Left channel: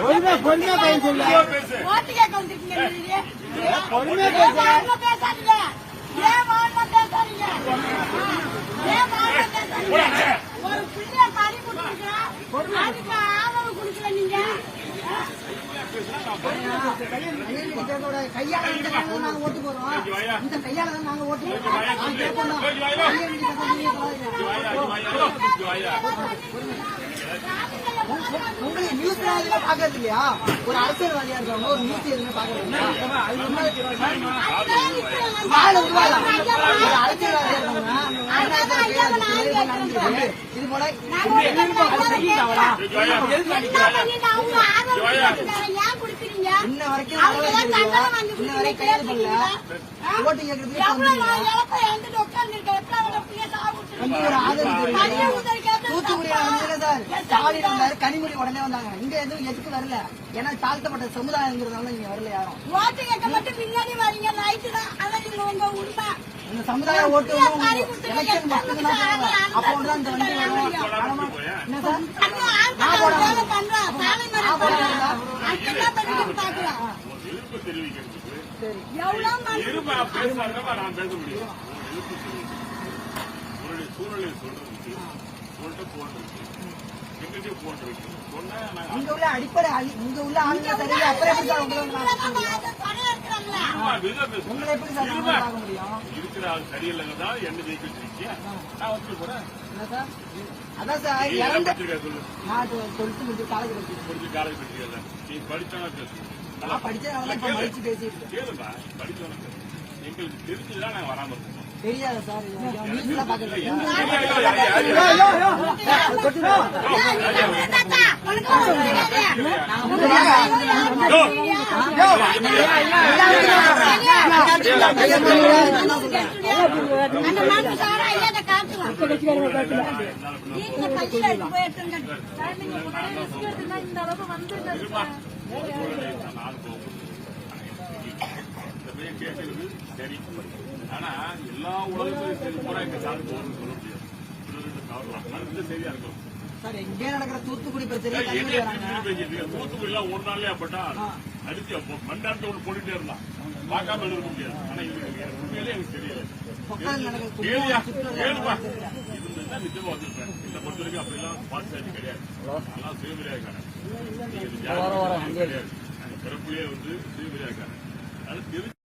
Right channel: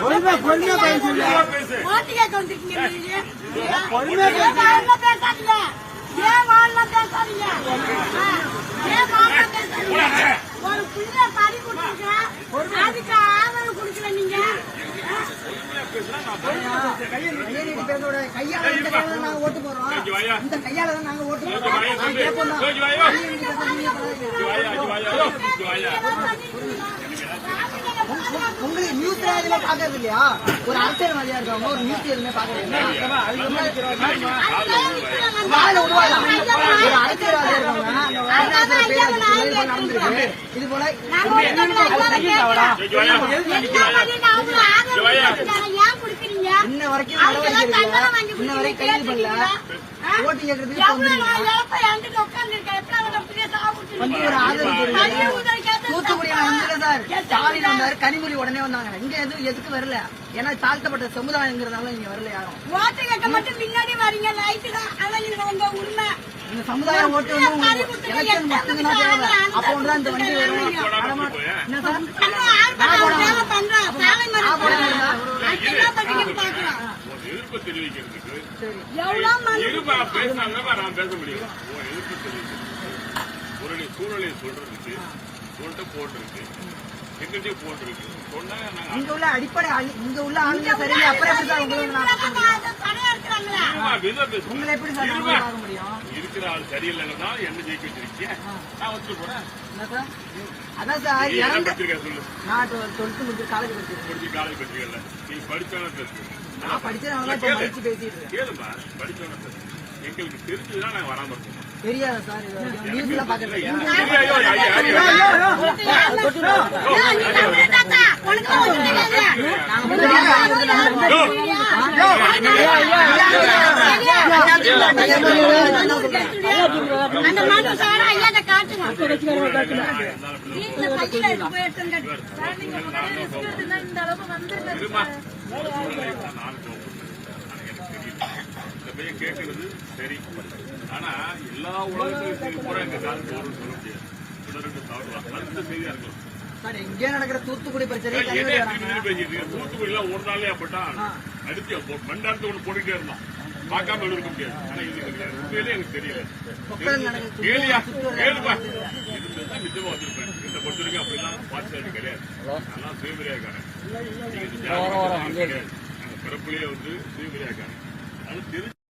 பொறுமையா பேசுங்க. பொறுமையா பேசாதீங்க. ஒரு பிள்ளை பறி கொடுத்துருக்க அதுக்கு ஆதரவு கொடுக்கல நீங்க. கையால நாங்க ஓட்டு போறோம். இந்த கையால தான் நாங்க ஓட்டு போறோம். உங்களுக்கு நியூஸ் பாக்குறது இல்லையா? ஒரு அரசியல்வாதியா இருக்கவங்க ஒரு நியூஸ் எதுவுமே பாக்குறது இல்லையா? ஒரு அரசியல்வாதியா இருக்கவங்க இது போல இன்ன வரைக்கும் கைது பண்ணல. ஓட்டு கேட்கறதுக்கு கனிமொழி உடனே வந்தாங்க. இங்க எதுவும் எதுக்கு வரல? ஏன்னா தாழ்த்தப்பட்ட சமுதாயங்கிறதால இங்க வரல யாரும். ஓட்டு கேட்க மட்டும் பின்னாடி வரீங்க. லைட்டு தான் உங்க உண்மை. சமுதாய ஓட்டு எலெக்ஷன் அப்போதான் இந்த வண்டி வரும். என்ன சார் சூழ்நிலை சொல்றதுக்கு போட்டிருக்கு இங்க உள்ள அடிப்படை இங்க உள்ள ஆளுங்க சரியில்லை. அப்புறம் உங்களை எப்படி பார்க்க முடியும்? இருக்கிற ஆள் சரியில்லைன்னு தான் என்ன ஜெயிக்க வச்சிருக்கீங்க. நான் வச்சு போறேன். அதான் சார் சொல்லு. நான் 12th முடிச்சு காலேஜ் படிச்சிருக்கேன். நீ படிச்சவன நான் படிச்சதுனால பேசிட்டு கேளுமா. படிச்சவன எங்களுக்கு தெரிஞ்சுதான் நாங்க வராம இருக்கோம். தெரியாதா சார்? நியூஸ் எல்லாம் பாக்குறீங்க. கேட்கறது சரி. ஆனா எல்லா உலகத்தையும் கூட எங்க காலம் போறோம்னு சொல்ல முடியாது. மறுத்த செய்தியா இருக்கும். இங்கே நடக்கிற தூத்துக்குடி பிரச்சனை தூத்துக்குடி எல்லாம் ஒரு நாளே அப்பட்டா அடிச்சு மண்டாரத்தை ஒண்ணு போட்டுட்டே இருந்தான். பார்க்காம இருக்க முடியாது. ஆனா இது உண்மையிலே எனக்கு தெரியல. கேளுப்பா இருந்துதான் நிச்சயமா வந்திருப்பேன். இந்த பொறுத்தவரைக்கும் அப்படிலாம் பார்த்து கிடையாது. அதெல்லாம் சுயமரியா இருக்காங்க. கிடையாது. அந்த பிறப்புலயே சுயமரியா இருக்காங்க. அது தெரிஞ்சு